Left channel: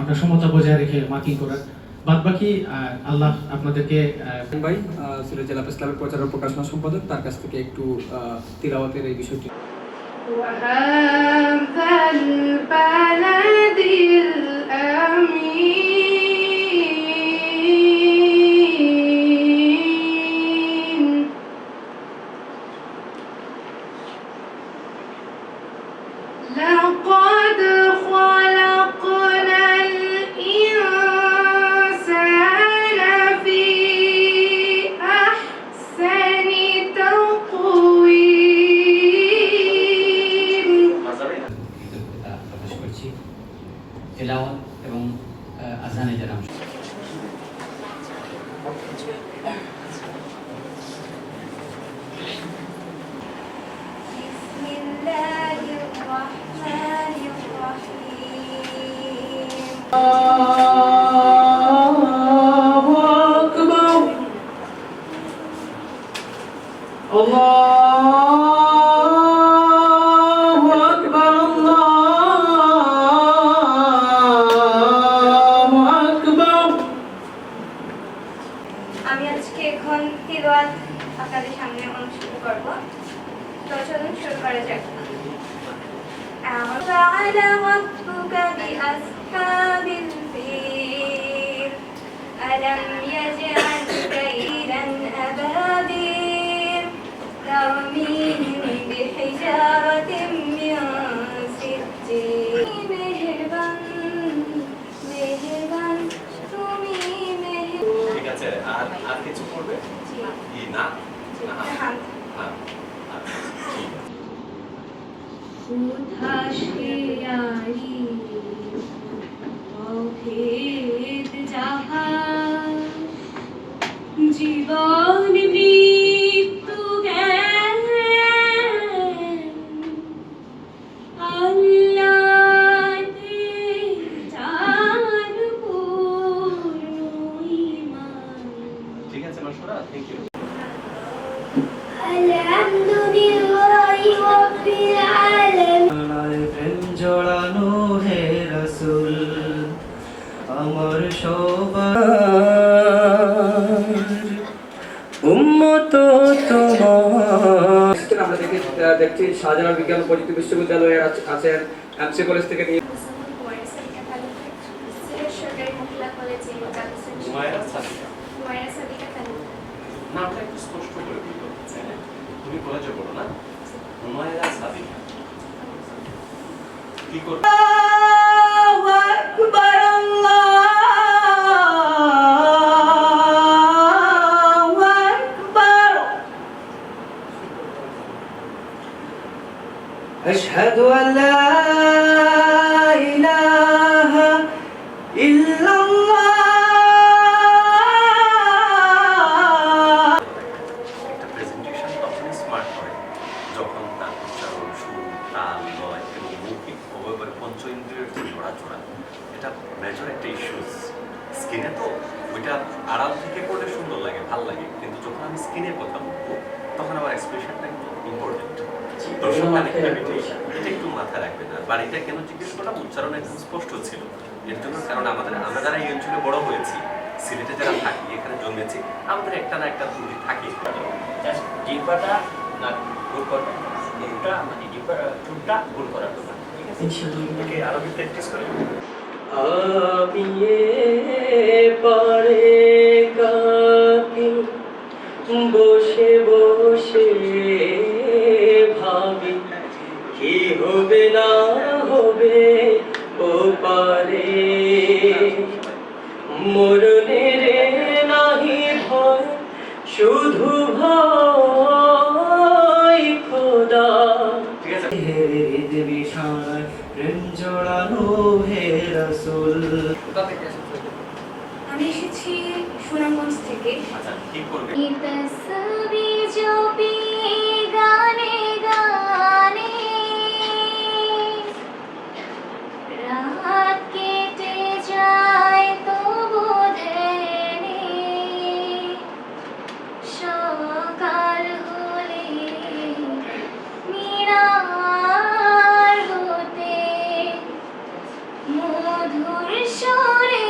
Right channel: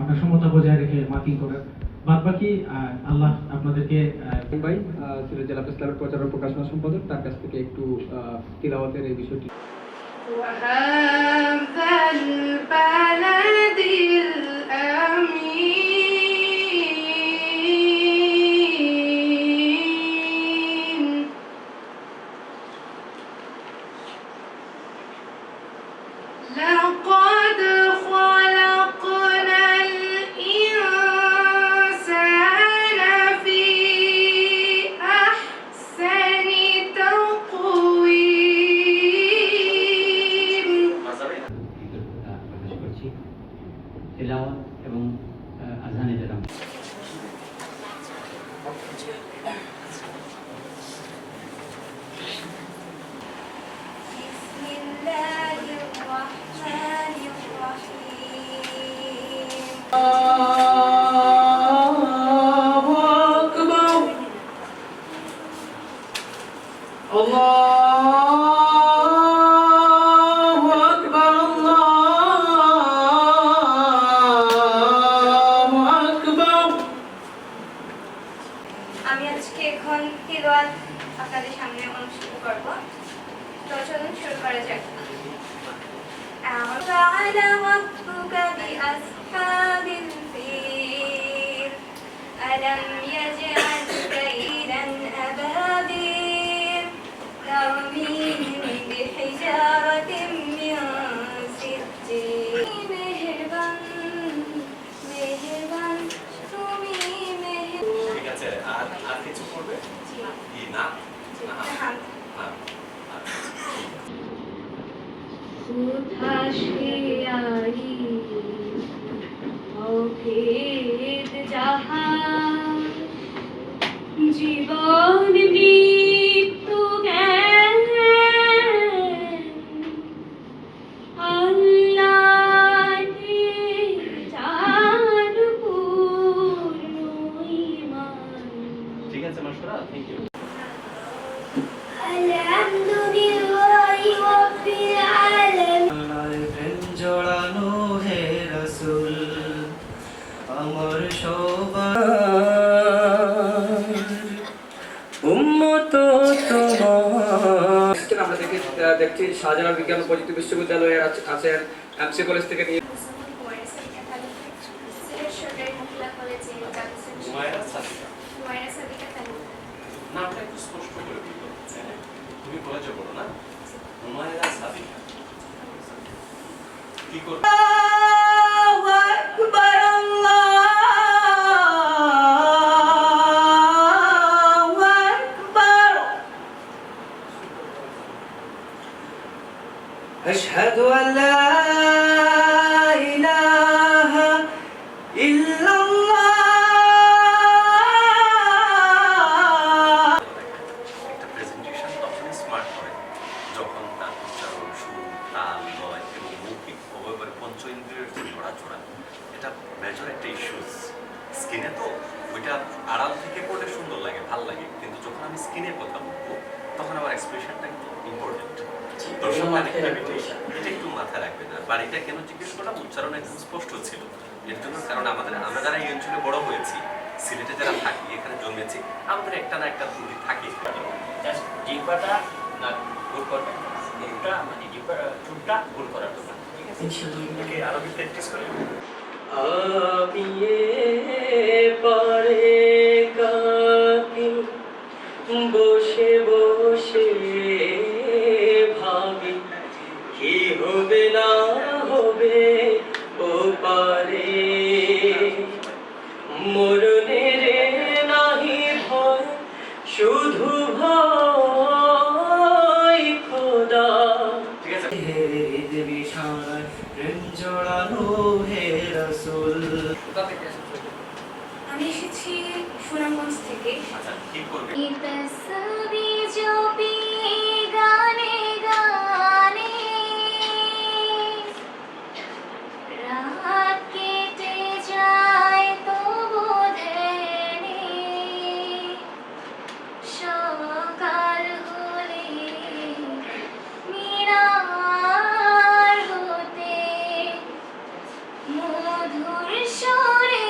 আমরা সমতা বজায় রেখে মার্কিং করার বাদ বাকি আল্লাহ আপনাদেরকে ভাই সিলেট জেলা প্রেস ক্লাবের প্রচার ও প্রকাশনা সম্পাদক, তার কাছ থেকে একটু তিলাওয়াতের এই বিষয়টি। لقد خلقنا الإنسان في أحسن تقويم প্রকাশ করছি তেলাওয়াত এবং আযানে যারা আমি আজকে এখন তিলাওয়াত আপনাদের সামনে অনুষ্ঠিত করব। তো চলুন শুরু করা যাক। أعوذ ربك بأصحاب الفيل ألم يجعل كيدا أبابيل ترميهم بحجارة من سجيل মেহেরবান মেহেরবান তুমি মেহেরবান। ঠিক আছে, আর কিছু করবে কি না? হ্যাঁ উধাশিয়ারি অভেদ জাহাজ জীবন মৃত্যু জ্ঞান আল্লাহে জানু পূর্ণ ঈমান। ঠিক আছে নশরা, থ্যাংক ইউ। আলহামদুলিল্লাহি রাব্বিল আলামিন। প্রেম জড়ানো হে রাসূল আমার সবার উম্মত তোমার। আমরা দেখছি শাহজালাল বিজ্ঞান ও প্রযুক্তি বিশ্ববিদ্যালয়ের আছেন এমসি কলেজ থেকে নিয়ে নামটা একটু স্পষ্ট করে দিল। তুমি কলেজে পড়ো না? হুমায়রা সাদিকা কি করবে? أشهد أن لا إله إلا الله. একটা প্রেজেন্টেশন তখনই স্মার্ট হয় যখন তার উচ্চারণ, সুর, তাল, লয় এবং মৌখিক অবয়বের পঞ্চ ইন্দ্রিয়ের যে নড়াচড়া, এটা মেজর একটা ইস্যুস। স্কিনে তো ওইটা আড়াল থেকে করলে সুন্দর লাগে, ভাল লাগে, কিন্তু যখন আমি স্কিনে কথা বলবো তখন আমার এক্সপ্রেশনটা একটু ইম্পর্টেন্ট। এটা একটু মাথায় রাখবেন। আর বাড়িটা কেন জিজ্ঞেস করলাম, উচ্চারণ একদম স্পষ্ট ছিল এর জন্য, কারণ আমরা যারা এই অঞ্চলে বড় হয়েছি, সিলেটে যারা থাকি, এখানে জন্মেছি, আমাদের একটা না একটা ত্রুটি থাকে। জিহ্বাটা না গোল করবেন, মুখটা মানে চুলটা গোল করার জন্য, ঠিক আছে? ওকে আরবি প্র্যাকটিস করি। আমি পারে কাকি বসে বসে ভাবি কি হবে না হবে ও পারে মরণের নাহি ভয় শুধু ভয় খোদা। হে বিষয় প্রেম জড়ানো হে রাসূল। আমি এসেছি সুনামগঞ্জ থেকে। আচ্ছা কি করবে? तस्बी जो पी गाने गाने रात केटे जाए तो বোধেনে সকাল হলে মিনার হতে মধুর সুরে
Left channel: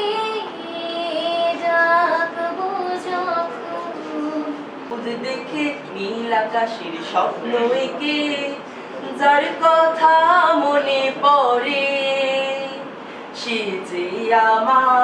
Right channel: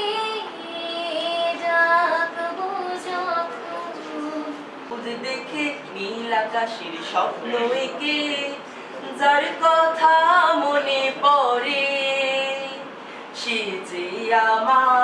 ডাকবো যখন। খুদ দেখে নীল আকাশের স্বপ্ন এঁকে যার কথা মনে পড়ে, সে যে আমার